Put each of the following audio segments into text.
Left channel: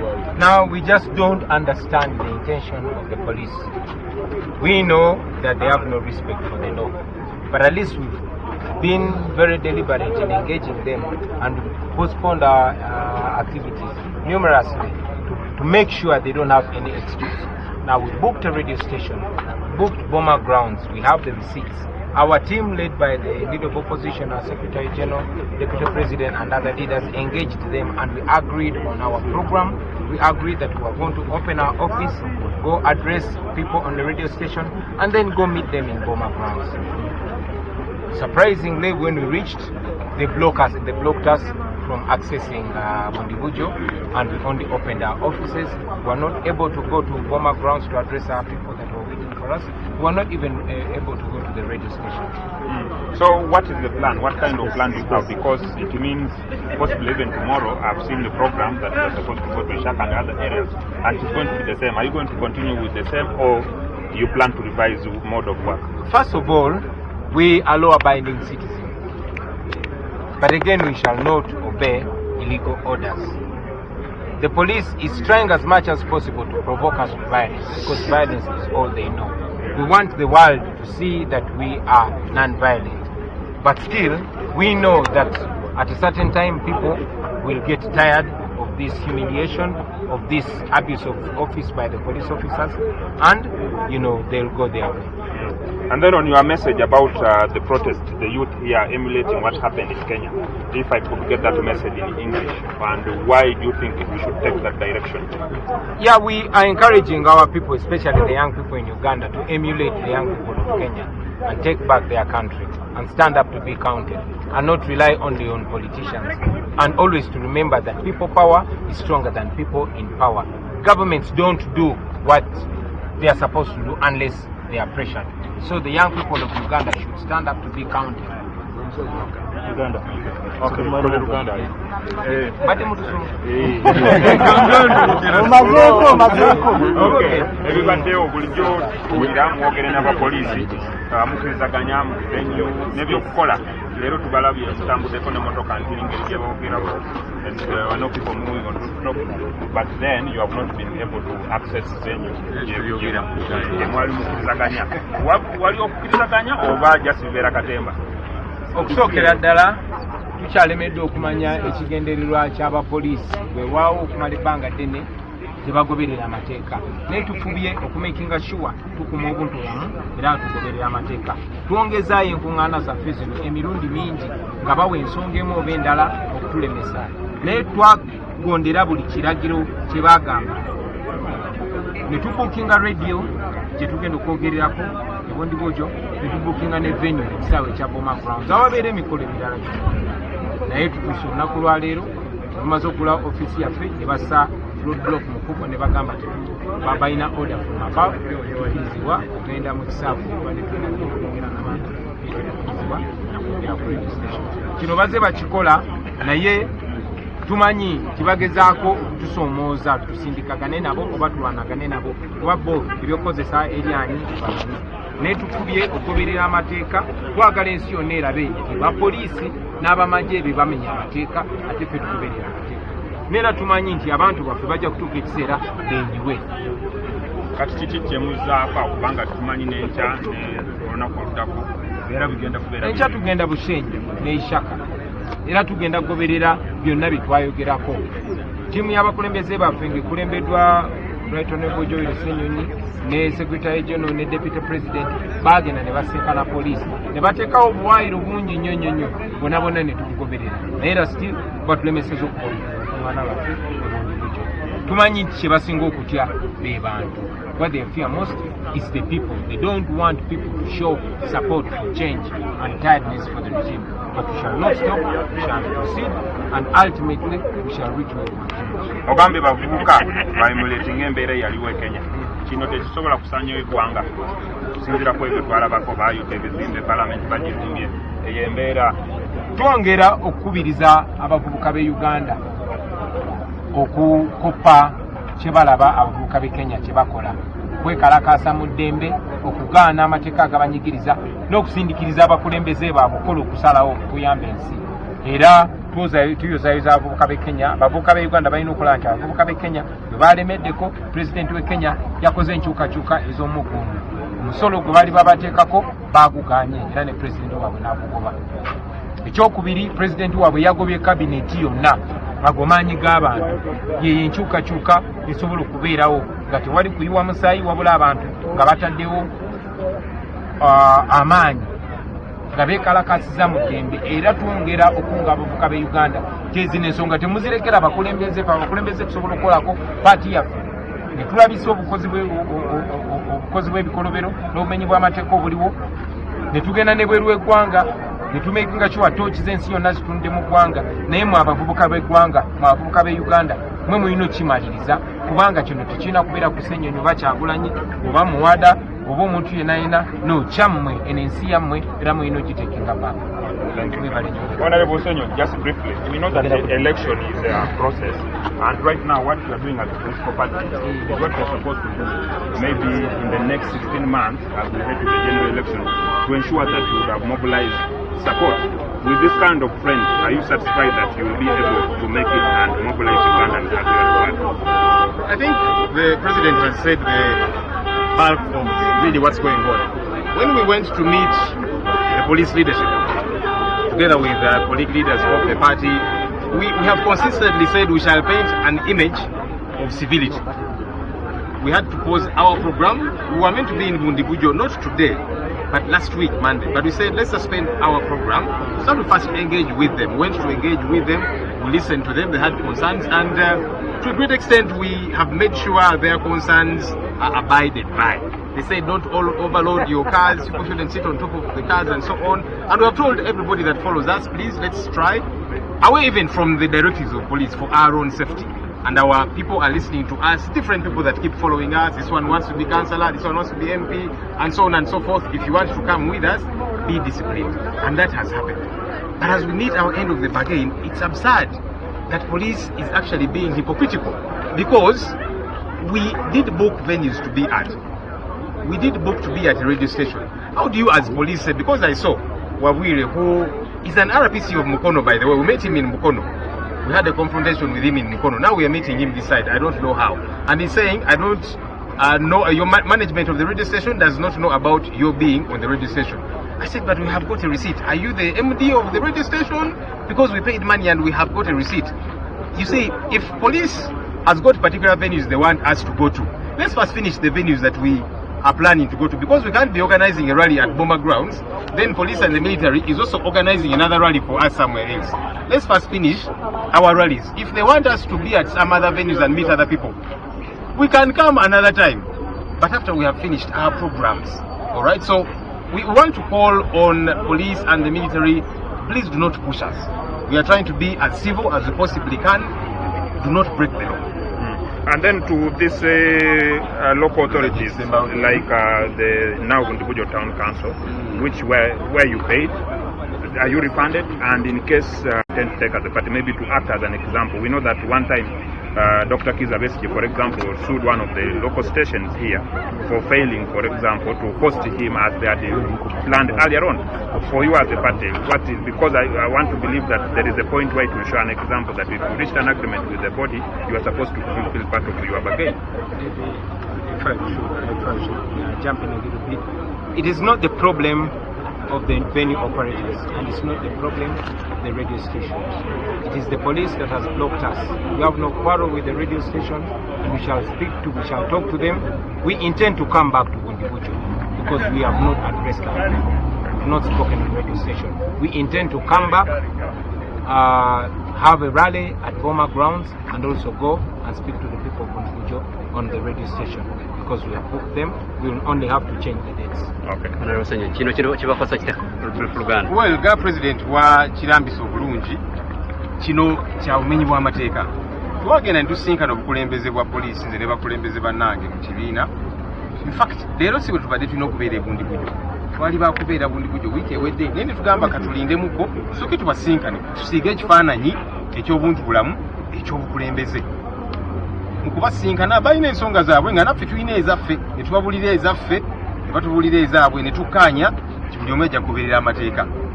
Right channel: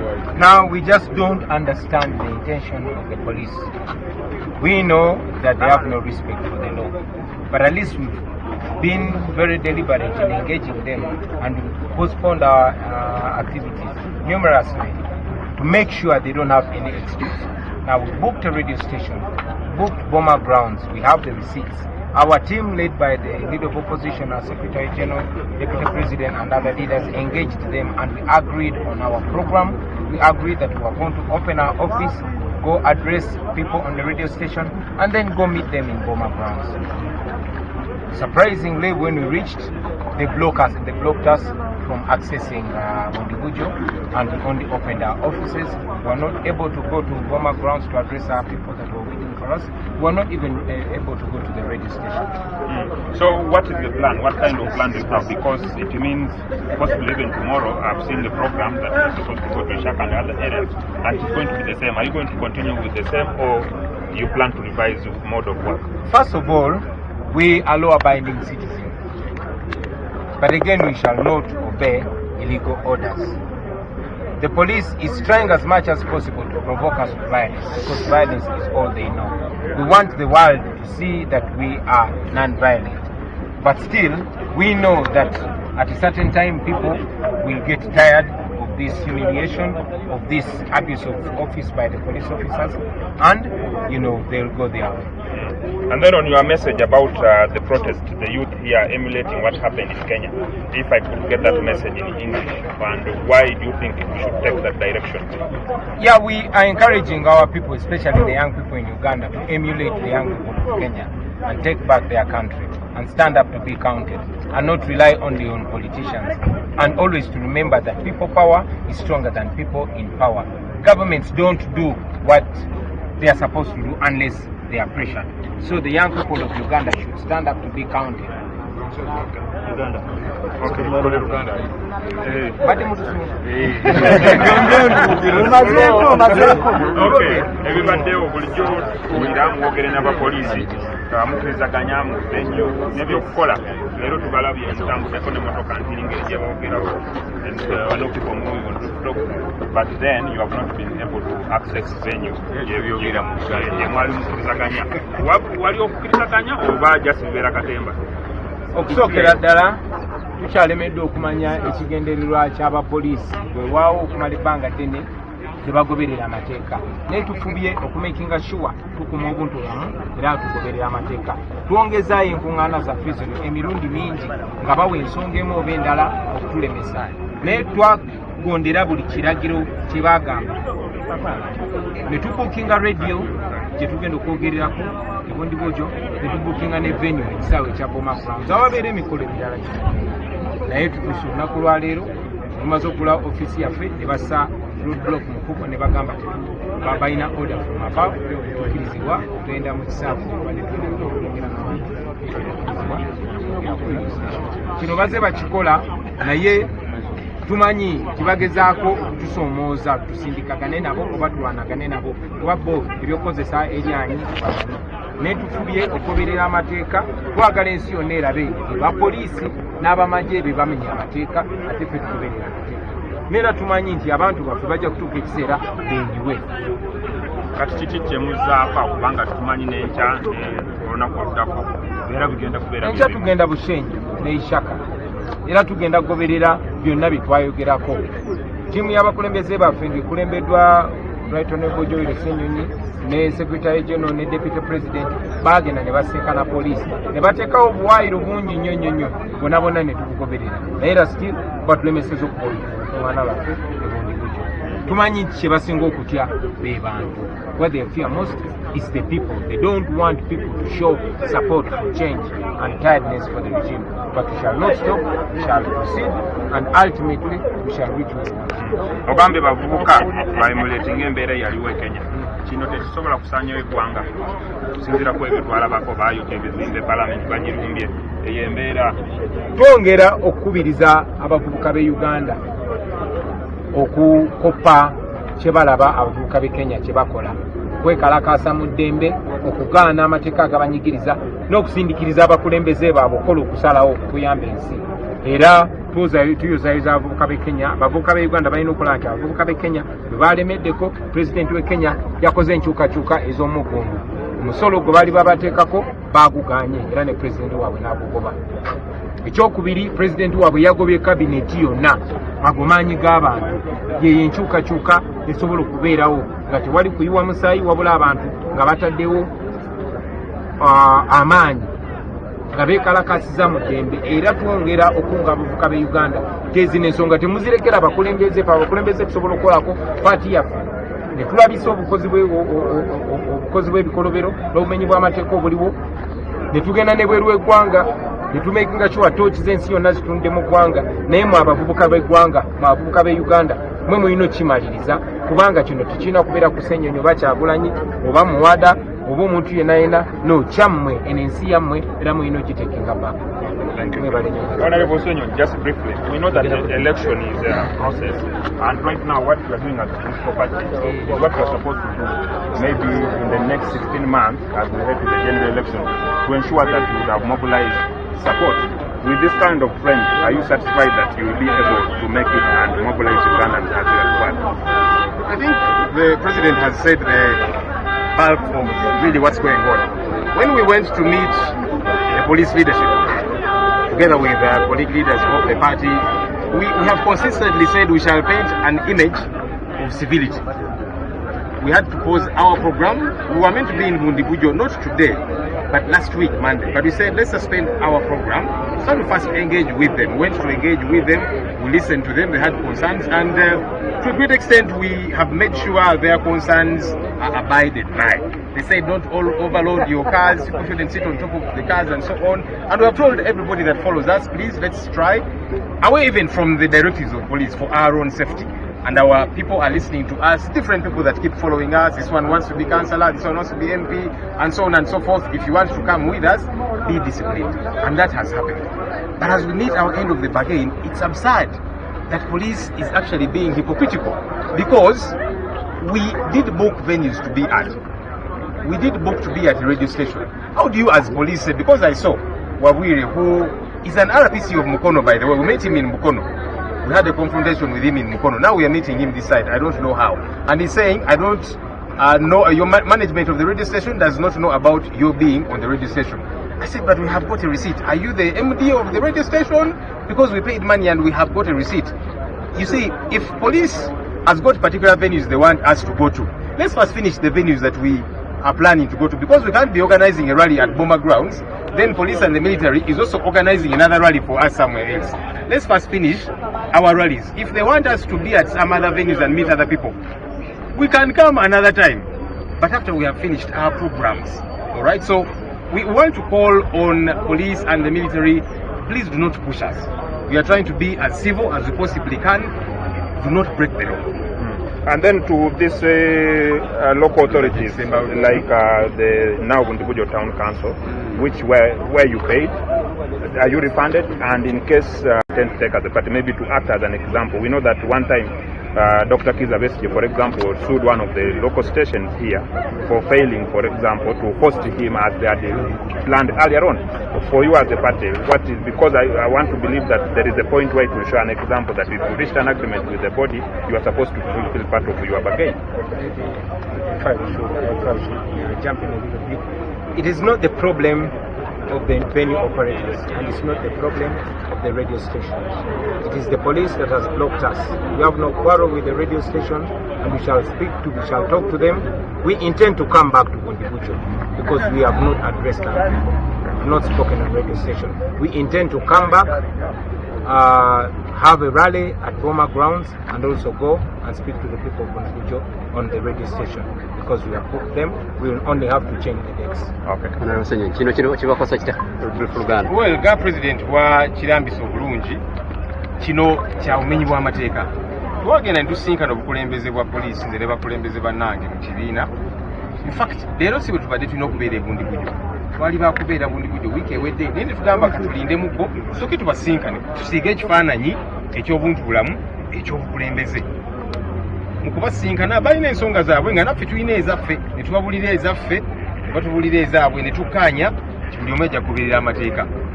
Now we just don't understand the intention of the police. We know that they have no respect for the law, but at least we've been very deliberate in engaging them and postponed our activities numerously to make sure they don't have any excuse. Now we booked a radio station, booked BOOMA grounds, we have the receipts. Our team, led by the leader of opposition, our Secretary General, Deputy President and other leaders, engaged them and we agreed on our program. We agreed that we are going to open our office, go address people on the radio station and then go meet them in BOOMA grounds. Surprisingly, when we reached, they blocked us from accessing Bundibujo, and we only opened our offices. We were not able to go to BOOMA grounds to address our people that were waiting for us. We were not even able to go to the radio station. So what is the plan? What kind of plan do you have? Because it means possibly even tomorrow, I've seen the program that is supposed to go to Shaka and other areas, and it's going to be the same. Are you going to continue with the same, or you plan to revise the mode of work? First of all, we are law-abiding citizens, but again we shall not obey illegal orders. The police is trying as much as possible to provoke us to violence, because violence is all they know. We want the world to see that we are non-violent, but still we know that at a certain time people will get tired of this humiliation, of this abuse of office by the police officers, and they'll go their way. And then on your message about the protest, the youth here emulating what happened in Kenya, if I could get that message in English, and why do you think we should take that direction? Yeah, we are encouraging our people, especially the young people in Uganda, to emulate the young people of Kenya and take back their country and stand up to be counted and not rely only on politicians, and always to remember that people power is stronger than people in power. Governments don't do what they are supposed to do unless they are pressured. So the young people of Uganda should stand up to be counted. Uganda. Okay, Uganda. Okay, ebibaddewo bulijjo tuwulira mwogere n'abapoliisi mukirizaganya mu venue n'ebyokukola. Leero tubalabye mutambuddeko n'emmotoka nkiri ngeri gye boogerako, and no people moving on road, but then you have not been able to access venue gye mwali mukirizaganya. Wali okukirizaganya oba just bibeera katemba? Okusookera ddala tukyalemeddwe okumanya ekigendererwa ky'abapoliisi bwewaawo okumala ebbanga ddene tebagoberera amateeka, naye tufubye okumakinga sure tukuma obuntu bumu era tugoberera amateeka. Twongezaayo enkuŋŋaana zaffe zino emirundi mingi nga bawa ensonga emu oba endala okutulemesa, naye twagondera buli kiragiro kye baagamba. Ne tubukinga radio gye tugenda okwogererako ebondibojo, ne tubukinga ne venue ekisaawe ekya BOOMA grounds awabeera emikolo emirala gyonna. Naye tutuuse olunaku lwa leero tumaze okugula office yaffe ne bassa roadblock mukubo ne bagamba balina order from above, tukirizibwa okugenda mu kisaawe kino baze bakikola, naye tumanyi kibagezaako okutusoomooza tusindikagane nabo oba tulwanagane nabo, kuba bo ebyokukozesa eryanyi bamanyi. Naye tufubye okugoberera amateeka, twagala ensi yonna erabe bapoliisi n'abamagye be bamenya amateeka ate ffe tugoberera amateeka. Neera tumanyi nti abantu baffe bajja kutuuka ekiseera benyiwe. Kati kiki kye muzaako kubanga tumanyi n'enkya olunaku oluddako era bigenda kubeera? Enkya tugenda Bushenyi ne Ishaka era tugenda kugoberera byonna bye twayogerako. Ttiimu y'abakulembeze baffe ng'ekulembeddwa Right Honorable Joel Ssenyonyi ne Secretary General ne Deputy President bagenda ne basenkana poliisi ne bateekawo obuwaayiro bungi nnyo bonna ne tubugoberera, naye era still batulemeseza okubaana baffe ebundibujo. Tumanyi nti kye basinga okutya be bantu. What they fear most is the people. They don't want people to show support for change and tiredness for the regime. But we shall not stop, we shall proceed, and ultimately we shall reach where we want to reach. Ogambye bavubuka baemulating embeera eyaliwo e Kenya. Kino tekisobola kusaanyawo eggwanga okusinziira ku ebyo twalabako baayota ebizimbe palamenti bagirumbye. Eyo embeera twongera okukubiriza abavubuka b'e Uganda okukoppa kye balaba abavubuka b'e Kenya kye bakola, kwekalakaasa mu ddembe, okugaana amateeka agabanyigiriza n'okusindikiriza abakulembeze baabwe okukola okusalawo okuyamba ensi. Era tuyozayoza abavubuka b'e Kenya. Abavubuka b'e Uganda balina okulaba nti abavubuka b'e Kenya bwe balemeddeko pulezidenti w'e Kenya yakoze enkyukakyuka ez'omugundu. Omusolo gwe bali babateekako baaguganye era ne pulezidenti waabwe n'agugoba. Ekyokubiri, pulezidenti waabwe yagobye kabineti yonna ago maanyi g'abantu yeyo enkyukakyuka esobola okubeerawo nga tewali kuyiwa musaayi wabula abantu nga bataddewo amaanyi nga beekalakasiza mu ddembe era twongera okunga abavubuka b'e Uganda tezino ensonga temuzirekera abakulembeze fe. Abakulembeze tusobola okukolako paati yaffe ne tulabisa obukozi bw'ebikolobero n'obumenyi bw'amateeka obuliwo ne tugenda ne bweru w'eggwanga ne tumekinga sure tooki z'ensi yonna zitunde mu ggwanga. Naye mwe abavubuka b'eggwanga, mwe abavubuka b'e Uganda, mwe mulina okimaliriza kubanga kino tekirina kubeera kusennyonyi oba Kyagulanyi oba Muwada oba omuntu yenna no kyammwe eno ensi yammwe era mulina okiteekinga back. Honorable Senyo, just briefly, we know that the election is a process, and right now what you are doing as a political party is what you are supposed to do, maybe in the next 16 months as we head to the general election, to ensure that you would have mobilized support. With this kind of trend, are you satisfied that you will be able to make it and mobilize Ugandans? I think the president has said the bulk of really what's going on. When we went to meet the police leadership, together with colleague leaders of the party, we have consistently said we shall paint an image of civility. We had to pause our program. We were meant to be in Bundibujo, not today, but last week, Monday. But we said, let's suspend our program. So we first engage with them. Went to engage with them. We listened to them. They had concerns. And to a great extent, we have made sure their concerns are abided by. They said, don't overload your cars. People shouldn't sit on top of the cars and so on. And we have told everybody that follows us, please, let's try, away even from the directives of police, for our own safety. And our people are listening to us, different people that keep following us. This one wants to be councillor, this one wants to be MP, and so on and so forth. If you want to come with us, be disciplined. And that has happened. But as we meet our end of the bargain, it's absurd that police is actually being hypocritical, because we did book venues to be at. We did book to be at a radio station. How do you as police say, because I saw Wawire, who is an RPC of Mukono, by the way, we met him in Mukono. We had a confrontation with him in Mukono. Now we are meeting him this side. I don't know how. And he's saying, I don't know, your management of the radio station does not know about your being on the radio station. I said, but we have got a receipt. Are you the MD of the radio station? Because we paid money and we have got a receipt. You see, if police has got particular venues they want us to go to, let's first finish the venues that we are planning to go to, because we can't be organizing a rally at BOOMA grounds, then police and the military is also organizing another rally for us somewhere else. Let's first finish our rallies. If they want us to be at some other venues and meet other people, we can come another time, but after we have finished our programs. All right, so we want to call on police and the military, please do not push us. We are trying to be as civil as we possibly can. Do not break the law. And then to these local authorities, like the now Agugumbudde Town Council, where you paid, are you refunded? And in case can take as a party, maybe to act as an example, we know that one time Dr. Kizabesky, for example, sued one of the local stations here for failing, for example, to host him as they had planned earlier on. For you as a party, what is, because I want to believe that there is a point where you can show an example that if you reached an agreement with the body, you are supposed to fulfill part of your bargain. If I should jump in a little bit. It is not the problem of the venue operators, and it's not the problem of the radio stations. It is the police that has blocked us. We have no quarrel with the radio station, and we shall talk to them. We intend to come back to Bundibujo because we have not addressed that. We have not spoken on radio station. We intend to come back, have a rally at BOOMA grounds, and also go and speak to the people of Bundibujo on the radio station, because we have booked them. We will only have to change the dates. Okay. Well, ga president wa kirambiso bulungi kino kya umenyi bwa mateeka. Twagenda ntusinkana obukulembeze bwa poliisi nze ne bakulembeze bannange mu kibiina. In fact, leero si bwe tubadde tulina okubeera Bundibujo. Twali bakubeera Bundibujo wiiki ewedde, naye ne tugamba katulinde muggo tusooke tubasinkane tusiige ekifaananyi eky'obuntu bulamu eky'obukulembeze. Mu kubasinkana balina ensonga zaabwe nga naffe tulina ezaffe, ne tubabulira ezaffe, ne batubulira ezaabwe, ne tukkaanya buli omu ajja kugoberera amateeka.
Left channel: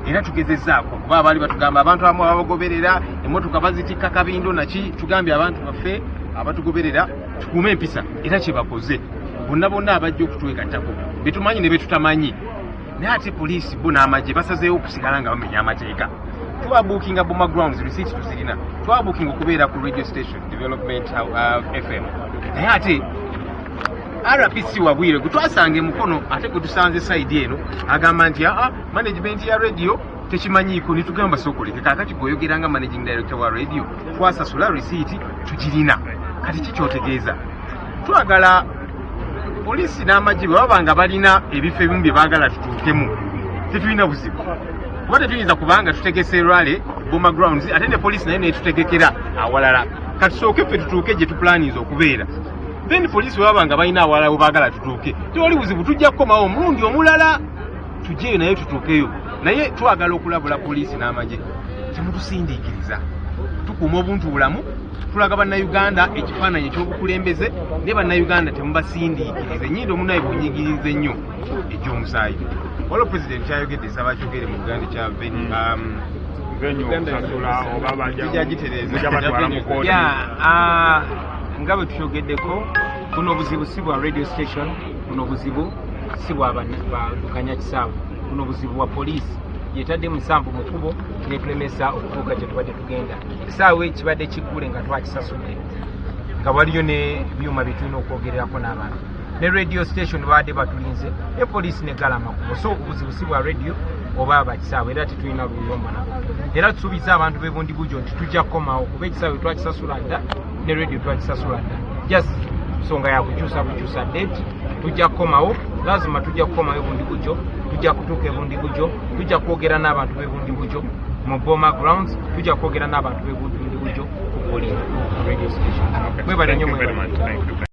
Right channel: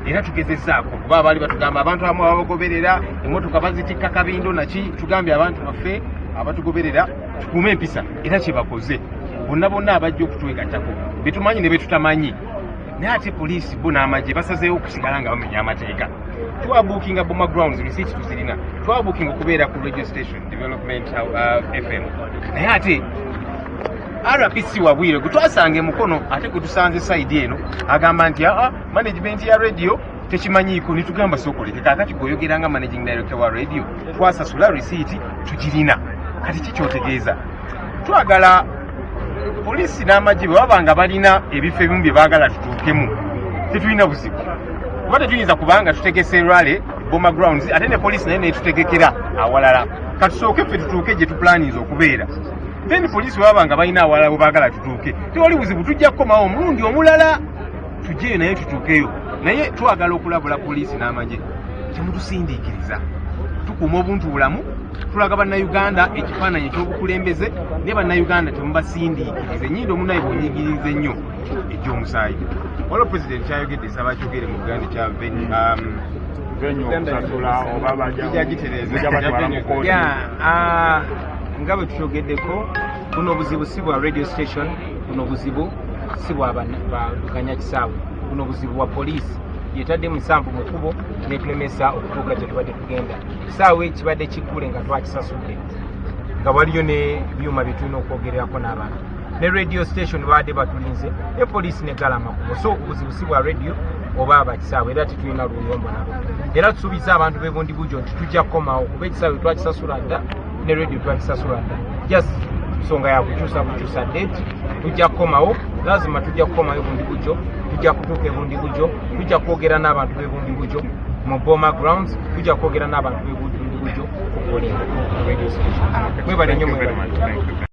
era tugezezzaako kuba abaali batugamba abantu abamu abagoberera emmotoka bazitikka kabindo naki tugambye abantu baffe abatugoberera tukuume empisa era kye bakoze bonna abajja okutwegattako betumanyi ne betutamanyi naye ate poliisi bo n'amagye basazeewo okusigala nga bamenya amateeka twabuukinga BOOMA grounds receipts tuzirina twabuukinga okubeera ku radio station development FM naye ate RPC wabwire gwe twasanga emukono ate gwe tusanze side eno agamba nti management ya radio tekimanyiiko nitugamba sokoleke kaakati gweoyogeranga managing director wa radio twasasula receipt tugirina kati kikyotegeeza twagala poliisi n'amagye bwe babanga balina ebifo ebimu bye baagala tutuukemu tetulina buzibu kuba tetuyinza kubanga tutegese rale BOOMA grounds ate ne poliisi naye netutegekera awalala katusooke ffe tutuuke gye tupulaninza okubeera then poliisi babanga balina awalala we baagala tutuuke tewali buzibu tujja kukomawo omulundi omulala tujjeyo naye tutuukeyo naye twagala okulabula poliisi n'amagye temutusindiikiriza tukuuma obuntu bulamu tulaga bannayuganda ekifaananyi ekyobukulembeze ne bannayuganda temubasindiikirize ennyindo omunaye bwonyigirize nnyo egy'omusaayi waliwo pulezidenti kyayogedde saba kyogere mu uganda kya nga bwe tukyogeddeko buno obuzibu si bwa radio station buno obuzibu si bwa badukanya kisaawe buno obuzibu bwa poliisi yetadde musanvu mu kkubo netulemesa okutuuka gye tubadde tugenda kisaawe kibadde kiggule nga twakisasudde nga waliyo ne byuma bye tulina okwogererako n'abantu ne radio station baadde batulinze ne poliisi negala amakubo so obuzibu si bwa radio oba abakisaawe era tetulina luyombo nabo era tusuubiza abantu b'ebundi bujjo nti tujja kukomawo kuba ekisaawe twakisasula dda ne radio twakisasula dda just nsonga yakukyusa bukyusa date tujja kukomawo lazima tujja kukomawo ebundi bujjo tujja kutuuka ebundi bujjo tujja kwogera n'abantu b'ebundi bujjo mu BOOMA grounds tujja kwogera n'abantu b'ebundi bujjo ku Buli radio station mwebale nnyo mwebale